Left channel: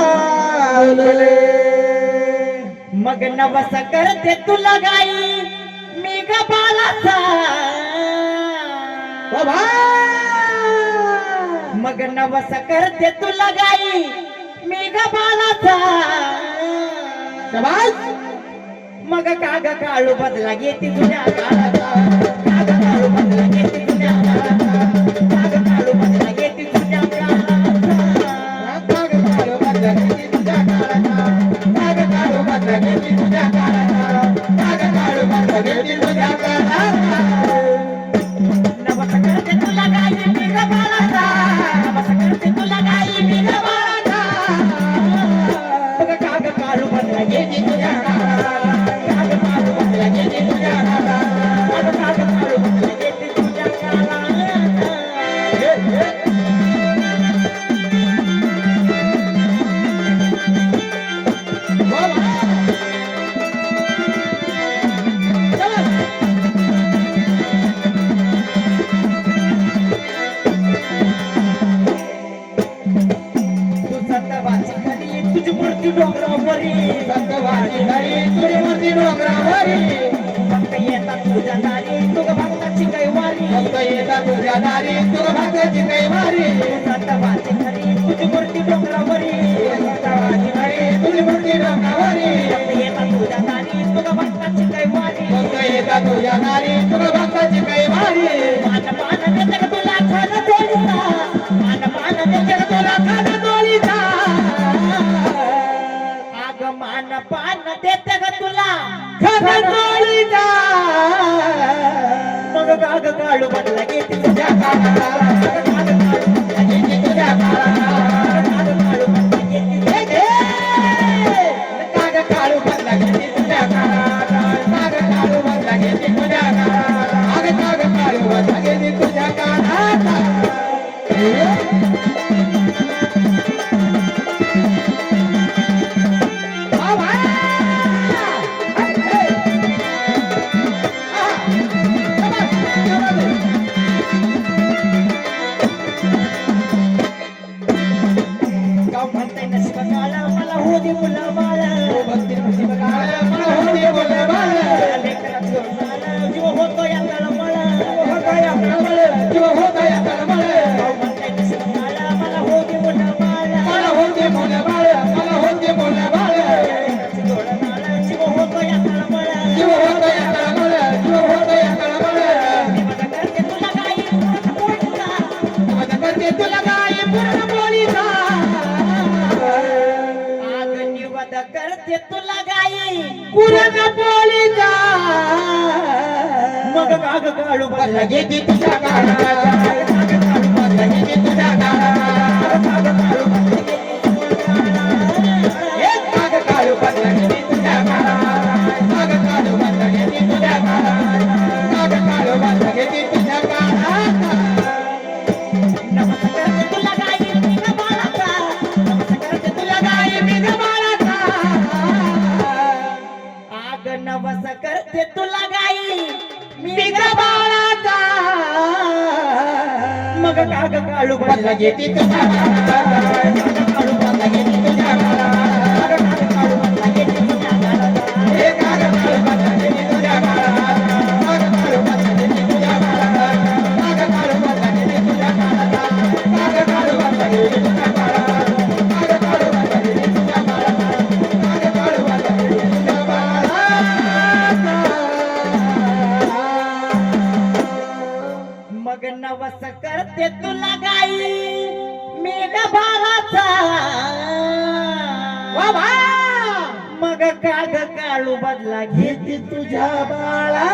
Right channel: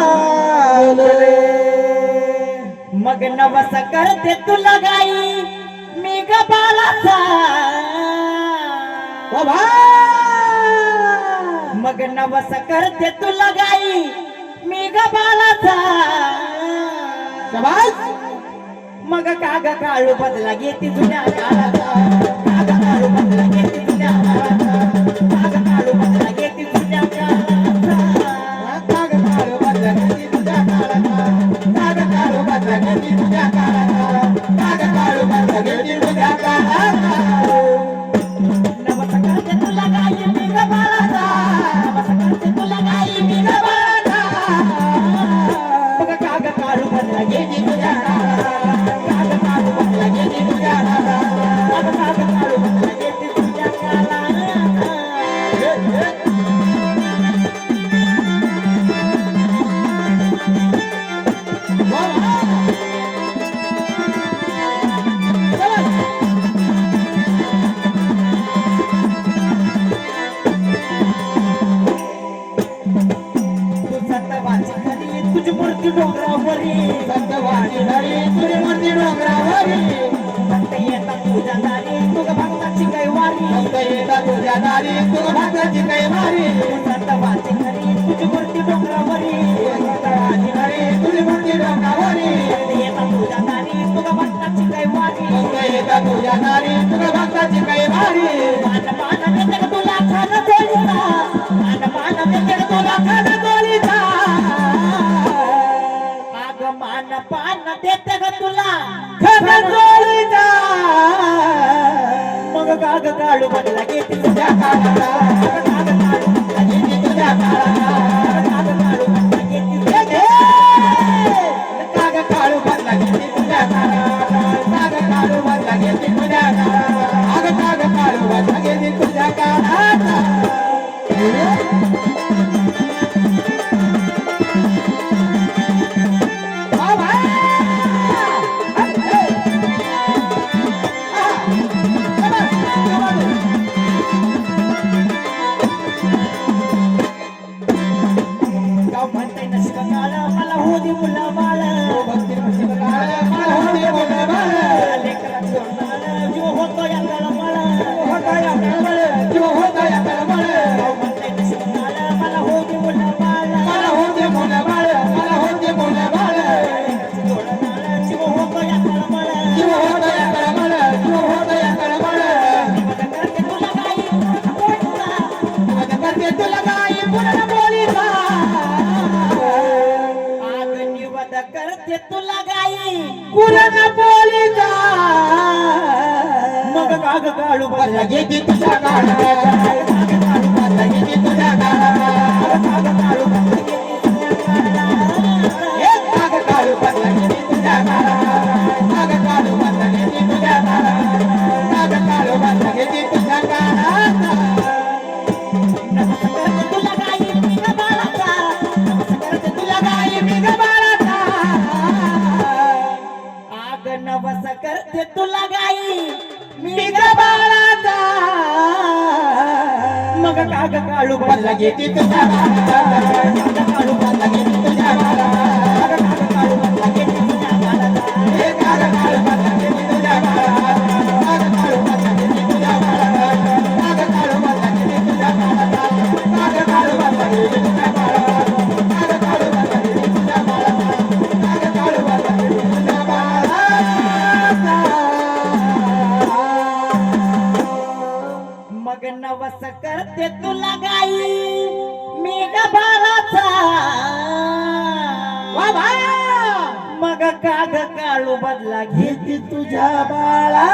चालले मग नवस करते तुला गाई मी ग बाळाचा बाबा मग नवस करते तुला गाई मी ग बाळाचा शाबास मग काग काळू बदला घेते तुझ्या काळाचा काग काळू बदला घेते तुझ्या काळाचा काग काळू बदला घेते तुझ्या काळाचा काग काढू बदला घेती तुझ्या काळाचा काग काढू बदला घेती तुझ्या काळाचा काग काढू बदला घेती तुझ्या काळाचा नवस करते तुला गाई मी ग बाळाचा नवस करते तुला गाई मी ग बाळाचा मग काग काळू बदला घेते तुझ्या काळाचा काग काळू बदला घेते तुझ्या काळाचा काग काळू बदला घेते तुझ्या काळाचा तू सतवाची खरी तुझी मूर्ती डोंगरावरी सत्यवाची धरी तुझी मूर्ती डोंगरावरी फक्त येता तुझ्या दारी तुझ भक्ताची कैवारी फक्त येता तुझ्या दारी तुझ भक्ताची कैवारी सतवाची खरी तुझी मूर्ती डोंगरावरी सत्यवाची धरी तुझी मूर्ती डोंगरावरी फक्त येता तुझ्या दारी तुझ भक्ताची कैवारी फक्त येता तुझ्या दारी तुझ भक्ताची कैवारी मान मान देते का तुला खान तोडीचा मान मान देते का तुला खान तोडीचा आग मान पान देते का तुला खान तोडीचा मग काग काढू बदला घेते तुझ्या काळाचा काग काढू बदला घेते तुझ्या काळाचा काग काढू बदला घेते तुझ्या काग काढू बदला घेती तुझ्या काळाचा काग काढू बदला घेती तुझ्या काळाचा काग काढू बदला घेती तुझ्या काळाचा गाव म्हणते नशीब काळ मला हो दे मुला बाळ भक्ती नशीब काळ मला होते बोले बाळ लेकरात जोडणारं जीव होतो या तळमळ होता या तळमळ जीव होता या तळमळ गाव म्हणते नशीब काळ मला हो दे मुला बाळ मला होते मोठे बाळ मला होते मोठे बाळ लेकरात जोडणारं जीव होतो या तळमळ जीव होता या तळमळ जीव होता या तळमळ निवड करते तुला काही पोटचा निवड करते तुला गाई पूर्ण बोलीचा आग निवड करते तुला गाई पूर्ण बोलीचा मग काग काढू बदला घेती तुझ्या काळाचा काग काढू बदला घेती तुझ्या काळाचा काग काढू बदला घेते तुझ्या काळाला. हे काग काढू बदला घेती तुझ्या काळाचा काग काढू बदला घेती तुझ्या काळाचा काग काढू बदला घेती तुझ्या काळाचा नमस करते तुला गाई मी ग बाळाचा नमस करते तुला गाई मी ग बाळाचा आग नवस करते तुला गाई मी ग बाळाचा मग काग काढू बदला घेती तुझ्या काळाचा काढू बदला घेती तुझ्या काळाचा काग काढू बदला घेते तुझ्या काळाचा हे काग काढू बदला घेती तुझ्या काळाचा काग काढू बदला घेती तुझ्या काळाचा काग काढू बदला घेती तुझ्या काळाचा काग काढू बदला घेती तुझ्या काळाचा काग काढू बदला घेती तुझ्या काळाचा काग काढू बदला घेती तुझ्या काळाचा मग नवस करते तुला गाई मी ग बाळाचा मग काग काळू बदला घेते तुझ्या बाळा